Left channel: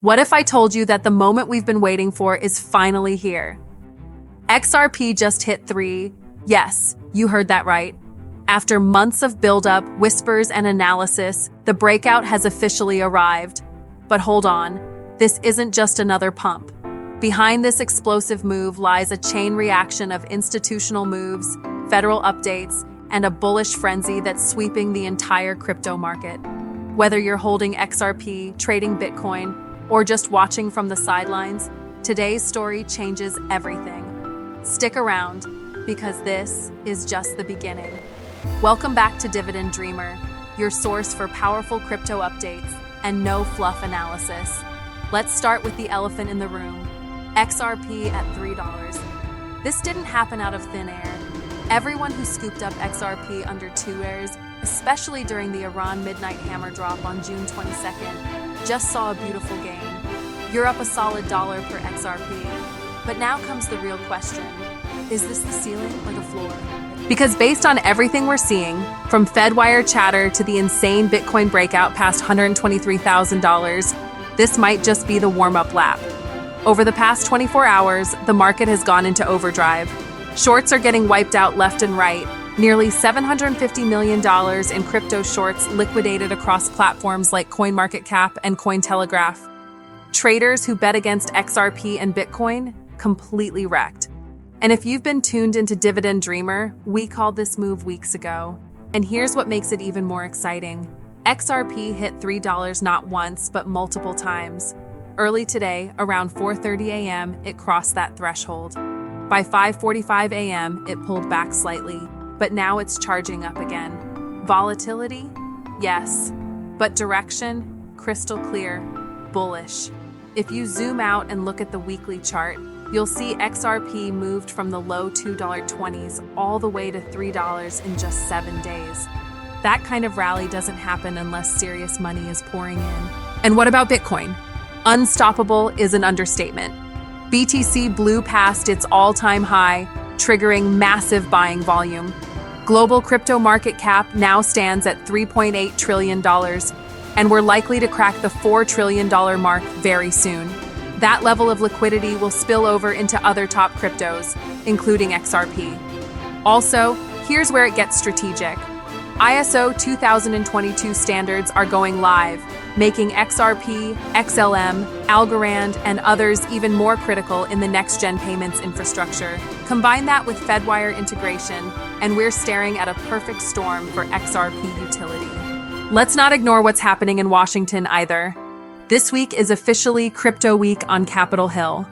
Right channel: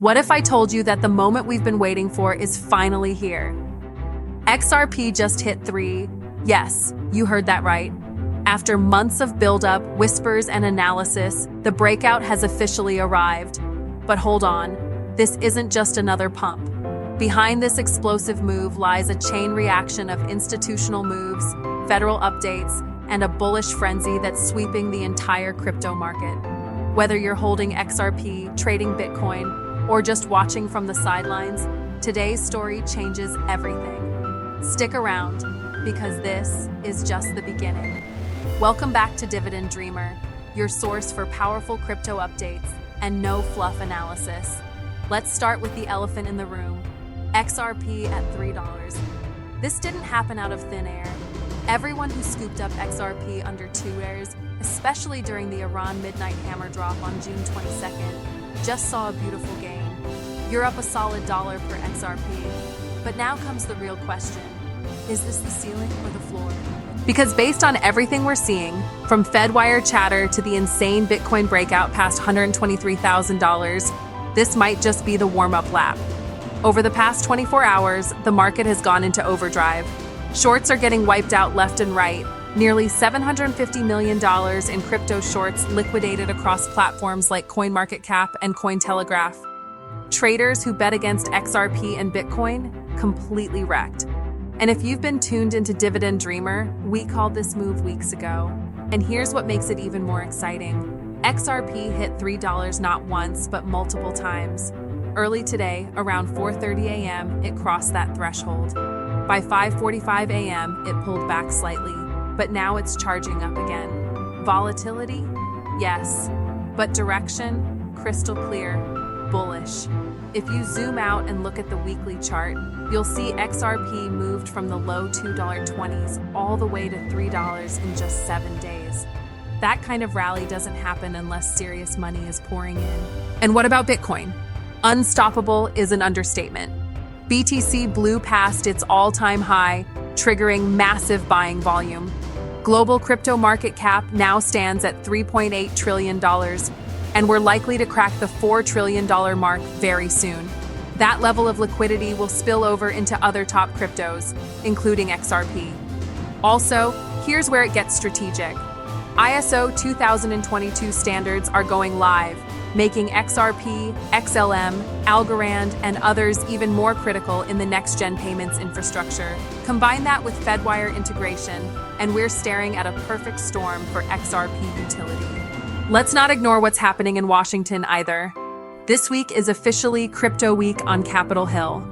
What if I told you that the moment we've been waiting for is finally here? XRP just hit 3. Yes, you heard that right. After months of buildup, whispers, and analysis, the breakout has officially arrived. But hold on, this isn't just another pump. Behind this explosive move lies a chain reaction of institutional moves, federal updates, and a bullish frenzy that's sweeping the entire crypto market. Whether you're holding XRP, trading Bitcoin, or just watching from the sidelines, today's story changes everything. Stick around, because this is just the beginning. Welcome back to Dividend Dreamer, your source for powerful crypto updates and no fluff analysis. Let's start with the elephant in the room, XRP at $3. This didn't happen out of thin air. Everyone who scooped up XRP under 2 airs, especially during the Iran midnight hammer drop on June 22nd, just saw a beautiful gain. You're up a solid $1 per XRP. But now comes the real question. Is this the ceiling or the floor? Because based on everything we're seeing, from FedWire chatter to the insane Bitcoin breakout past $123,000, this might just be the warm-up lap. Over the past 24 hours, the market has gone into overdrive. Shorts are getting wiped out left and right. Nearly $750 million in crypto shorts liquidated across platforms like CoinMarketCap and Cointelegraph. Traders who bet against XRP and Bitcoin, completely wrecked. And if you've been tuned into Dividend Dreamer, we called this move weeks ago. And here's what makes it even more exciting. XRP hit $3 not once, but multiple times. Early today, around 4:30 a.m., it crossed that threshold. By 5:45 a.m., it pulled back slightly, but now it's charging up again. Volatility? Yes. But direction? Crystal clear. Bullish. If you zoom out and look at the weekly chart, you'll see XRP moved from the low $2.20s all the way to $3 in just 7 days. That kind of rally doesn't happen unless serious money is pouring in. And what about Bitcoin? Unstoppable is an understatement. BTC blew past its all-time high, triggering massive buying volume. Global crypto market cap now stands at $3.8 trillion, and we're likely to crack the $4 trillion mark very soon. That level of liquidity will spill over into other top cryptos, including XRP. Also, here's where it gets strategic. ISO 2022 standards are going live, making XRP, XLM, Algorand, and others even more critical in the next-gen payments infrastructure. Combine that with FedWire integration, and we're staring at a perfect storm for XRP utility. Let's not ignore what's happening in Washington either. This week is officially Crypto Week on Capitol Hill.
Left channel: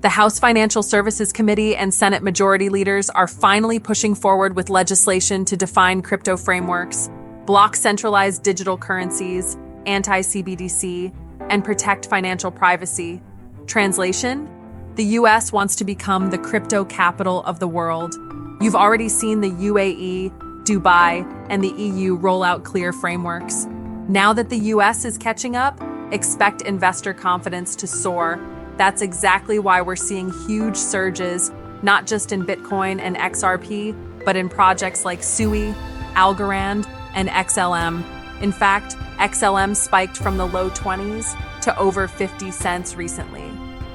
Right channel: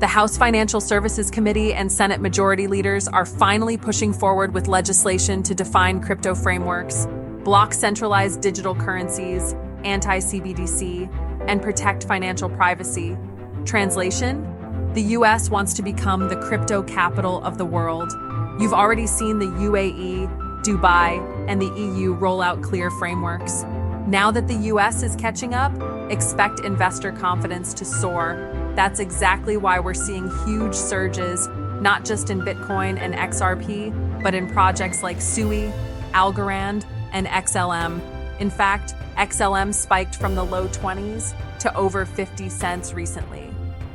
The House Financial Services Committee and Senate Majority Leaders are finally pushing forward with legislation to define crypto frameworks, block centralized digital currencies, anti-CBDC, and protect financial privacy. Translation? The US wants to become the crypto capital of the world. You've already seen the UAE, Dubai, and the EU roll out clear frameworks. Now that the US is catching up, expect investor confidence to soar. That's exactly why we're seeing huge surges, not just in Bitcoin and XRP, but in projects like SUI, Algorand, and XLM. In fact, XLM spiked from the low 20s to over 50 cents recently.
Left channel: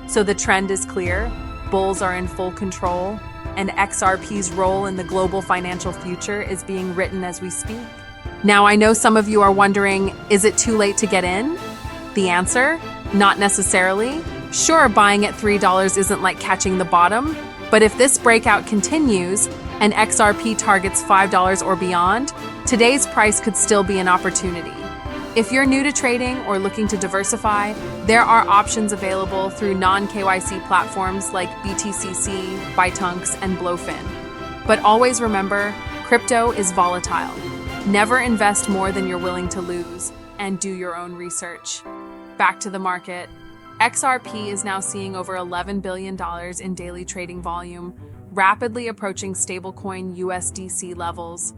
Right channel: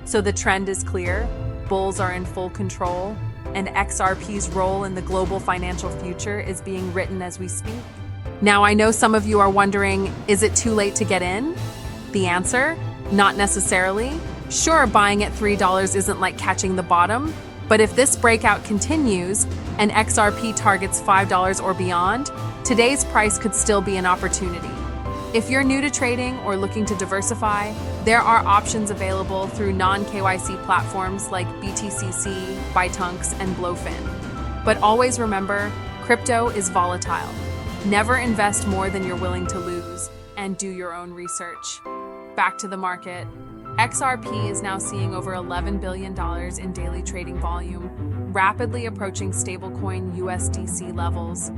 So the trend is clear, bulls are in full control, and XRP's role in the global financial future is being written as we speak. Now, I know some of you are wondering, is it too late to get in? The answer? Not necessarily. Sure, buying at $3 isn't like catching the bottom, but if this breakout continues and XRP targets $5 or beyond, today's price could still be an opportunity. If you're new to trading or looking to diversify, there are options available through non-KYC platforms like BTCC, Bytunks, and Blowfin. But always remember, crypto is volatile. Never invest more than you're willing to lose, and do your own research. Back to the market. XRP is now seeing over $11 billion in daily trading volume, rapidly approaching stablecoin USDC levels.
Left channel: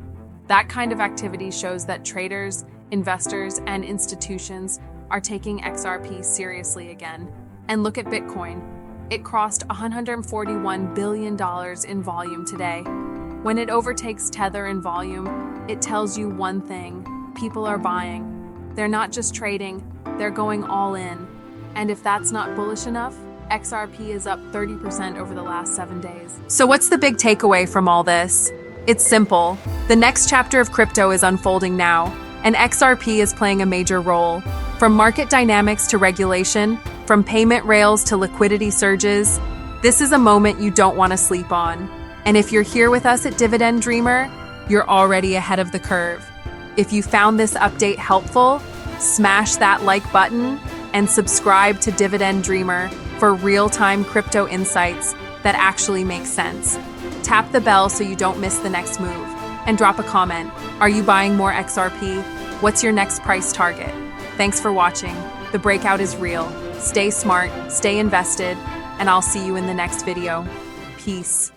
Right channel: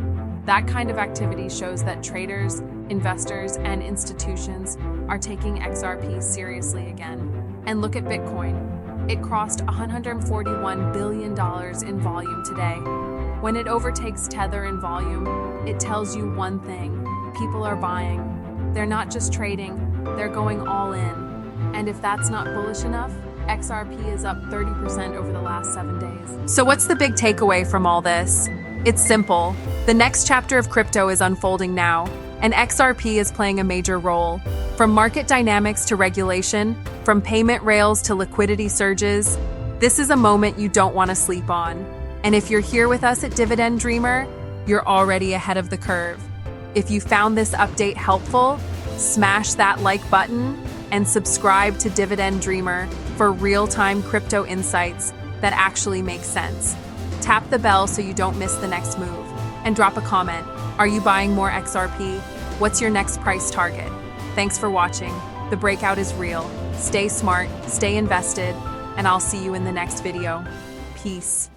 That kind of activity shows that traders, investors, and institutions are taking XRP seriously again. And look at Bitcoin. It crossed $141 billion in volume today. When it overtakes Tether in volume, it tells you one thing: people are buying. They're not just trading, they're going all in. And if that's not bullish enough, XRP is up 30% over the last 7 days. So what's the big takeaway from all this? It's simple. The next chapter of crypto is unfolding now, and XRP is playing a major role. From market dynamics to regulation, from payment rails to liquidity surges, this is a moment you don't want to sleep on. And if you're here with us at Dividend Dreamer, you're already ahead of the curve. If you found this update helpful, smash that like button and subscribe to Dividend Dreamer for real-time crypto insights that actually make sense. Tap the bell so you don't miss the next move. And drop a comment. Are you buying more XRP? What's your next price target? Thanks for watching. The breakout is real. Stay smart, stay invested, and I'll see you in the next video. Peace.